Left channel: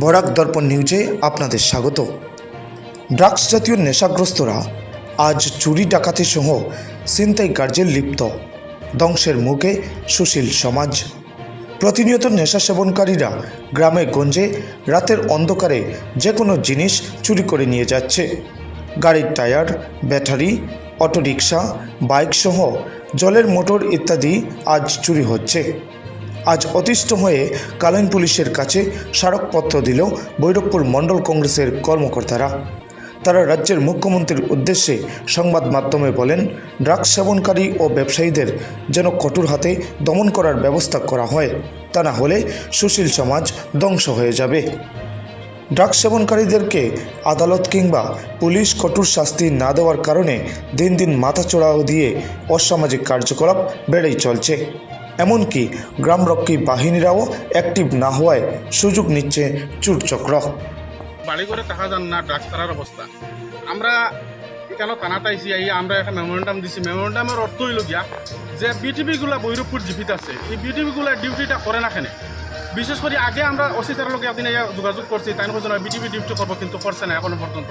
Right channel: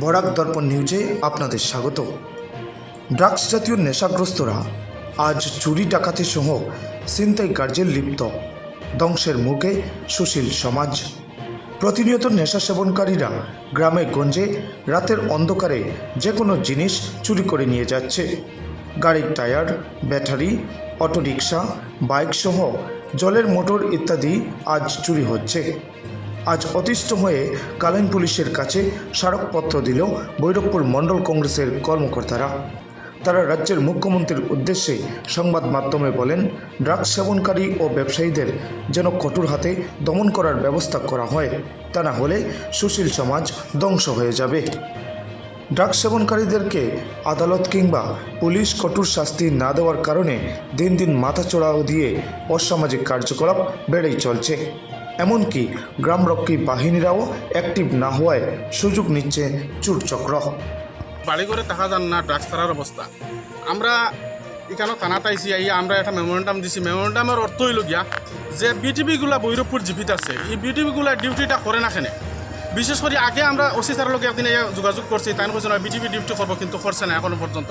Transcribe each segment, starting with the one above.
বরাক দর্পণ নিউজে আপনাদের স্বাগত। ড্রাগস জাতীয় নেশাগ্রস্তরা আজ চুরি ডাকাতি সহ ছিনতাই কার্যে লিপ্ত। ধ্বংসের মুখে সুশীল সমাজ। প্রতিনিয়ত নেশা সেবনকারীরা গ্রামে গঞ্জে রাতের অন্ধকারে যে কোনো জিনিস চুরি করে নিয়ে যাচ্ছে। গাড়ির টায়ার, ব্যাটারি, অটোরিকশা, বাইক সহ জলের মোটর ইত্যাদি আজ চুরি হচ্ছে। আজ অতিষ্ঠ হয়ে কালাইন পুলিশের কাছে স্মারকপত্র দিল বৈরবপুর মণ্ডল কংগ্রেসের কর্মকর্তারা। তারা রাজ্যের মুখ্যমন্ত্রীর উদ্দেশ্যে সংবাদ মাধ্যমে বলেন, ড্রাগ সেবনকারী ও ব্যবসায়ীদের যেন কঠোর হাতে দমন করার ব্যবস্থা করা হয়, তা না হলে সুশীল সমাজ ধ্বংস হয়ে যাবে। ড্রাগ সেবনকারীদেরকে আদালত কিংবা পুলিশ কঠোর শাস্তি না দেওয়ার কারণে দিন দিন মাথা চড়াও দিয়ে অসামাজিক কার্যকলাপ বেড়েই চলছে। এমনকি গ্রামরক্ষী বাহিনীরাও অ্যাক্টিভ না হওয়ায় সুযোগ নিচ্ছে চুরচক্র বাড়িঘরে টাকা যান না ড্রাগস ছাড়ার অবস্থা। আমরা এখানে থানাতে আইসি আই আমরা একটা মেমোরেন্ডাম দিছি। মেমোরেন্ডামের অর্থ হইল গিয়া, যে বিটিভিগুলা বৈরবপুর জীবিত আছে, এই বিটিভিগুলা ডিউটিটা করে না কেনে? বিশেষ করে আগে আমরা ওসি স্যারের লোকে একদিন যোগাযোগ করছি, তাই বলছে না বিটিভি ডিউটি করব কিন্তু করছে না এখনও পর্যন্ত।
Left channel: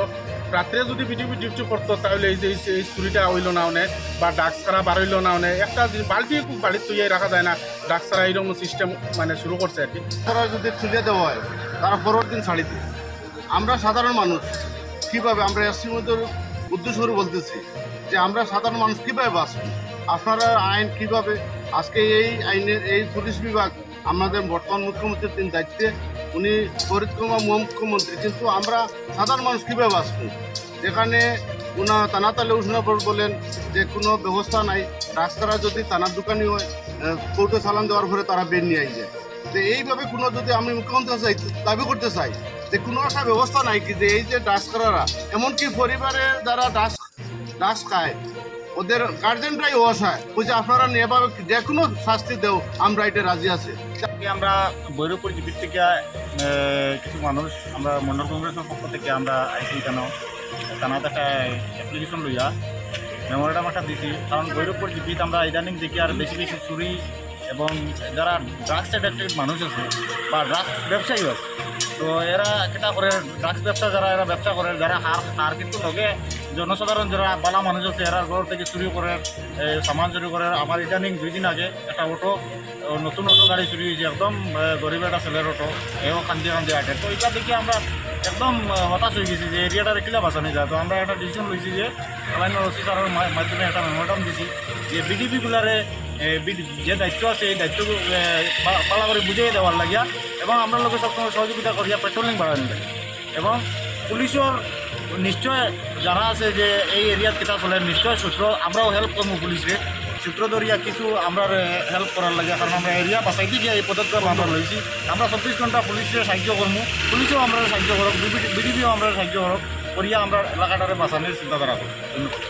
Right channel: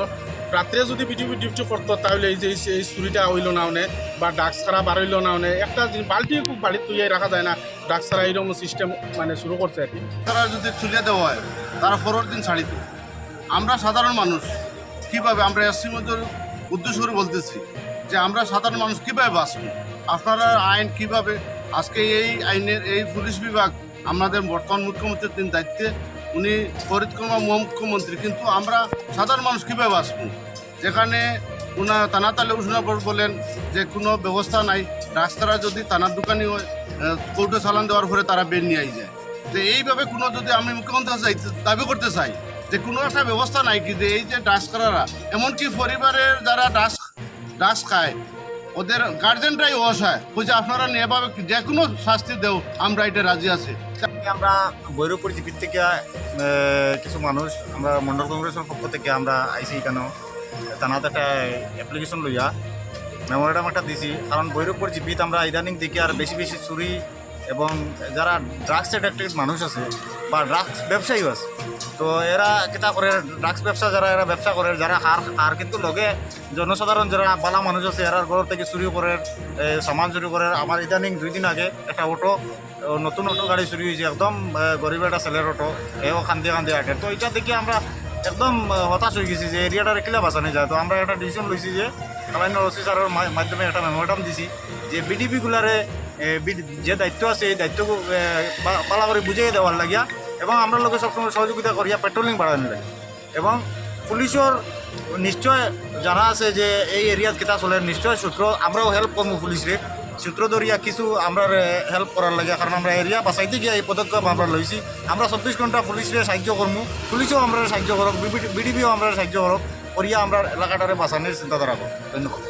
রাত্রে যদি বিটিভি ডিউটি করতো, তাহলে এই যে, এই- চুরিটা হইল না অনেক বা ডাক ছাড়া বাড়ইলো না অনেক একটা বালতি বাড়িতে তুই রাখা যায় না, ডাক ছাড়া এইরকম সিস্টেম মানে শুরু করছে আর কি তারা যদি তুলে দেওয়া হয় তারা পরের দিন ছাড়ি দেয় আমরা সাধারণ মানুষ, কীভাবে আমরা এসসি মধ্যে উদ্দেশ্য বলতেছি যে আমরা সাধারণ মানুষ কীভাবে বাঁচব? আপনারা আইন কীভাবে, আজকে এই আইনের, এই পুলিশ বিভাগ আমাদের বর্তমান মুখ্যমন্ত্রীর তিন দায়িত্বে, উনি কুমার মুখ্যমন্ত্রী কিন্তু আমরা সাধারণ মানুষ কীভাবে বাঁচব? যেখানে উনা তানাতালে উঠনা বলেন, যে কোনো ব্যবস্থা নাই, রাস্তারা যদি তানার দোকানি হয় কোর্টে চালান দেওয়ার পরে তারা বের নিয়ে যায় তো এইভাবে কোনো যদি আমি মুখ্যমন্ত্রী চাই দাবি করতে চাই যে কোনো একটা ব্যবস্থা নাই কি যে এই যে ডাস করারা, এমনকি পরিবারের যারা ডাস ডাস খায় ওদের গার্জেনরাই অসহায় বলছে, আপনারা এভাবে যে কোনো শাস্তি দেও, আমরা এটা রাজি আছি। আমরা বৈরবপুর জিপির থেকে কিছু মানুষ, আমরা মন্ডল কংগ্রেসের পক্ষ থেকে আমরা আইসি কেন? তানাতে একটা অ্যাপ্লিকেশন লইয়া মেমোরিয়াম একটা দিছি। কারণ বৈরবপুর জিপিত আমরা ইদানিং দেখি আর বেশি বেশি চুরি এবং যারা ড্রাগস অ্যাডিক্টেড মানুষ আছে বা ড্রাগস ব্যবসায়ী আছে, তো এরা কিতা করে ড্রাগস ব্যবসা যারা, এরা ব্যবসা করে, যারা হার হার কিন্তু লগে জনসাধারণ যারা বালা মানুষ আছে, এরা ঘর থেকে চুরি করে সামান চুরি করে। আমার ইদানিং দুই দিন আগে একটা অটো নতুন অটো গাড়ি চুরি হয়েছে, একদম গরিব একটা ছেলের অটো এও খান্দি খান্দি আটে। তো এটা দেখে আমরা একদম হতাশ হয়ে গেছি যে এরিয়াটা কিলা বাঁচানো যায় তো আমরা একটা ডিসিশন লইছি যে আলাইন ওসি স্যারের মাধ্যমে একটা মেমোরাম দিছি যে বিডিপিগুলারে যে দায়িত্ব আছে এই দায়িত্ব পালা করে বুঝিয়ে দেওয়ার লাগিয়া এবং আমরা লোকে সবসময় সহযোগিতা করিয়া পেট্রোলিং বাড়ানো লাগে এবং পুলিশের নিশ্চয় জানা আছে যে এই এরিয়াত কিতা চলে। নিশ্চয় সূত্র, আমরাও হেল্প করব পুলিশরে সূত্র ধরিয়া কিছু আমরা হেল্প করার লাগে, কারণ আমরা এরিয়া বাঁচাইতে গিয়ে এই পদক্ষেপ আমরা লইছি আমরা চব্বিশ ঘণ্টা পুলিশরে সাহায্য করব পুলিশেও আমরা সাহায্য করক বিডিপিও আমরা সাহায্য করক করিয়া আমরা এলাকাটারে বাঁচানোর চিন্তাধারা করি ধন্যবাদ।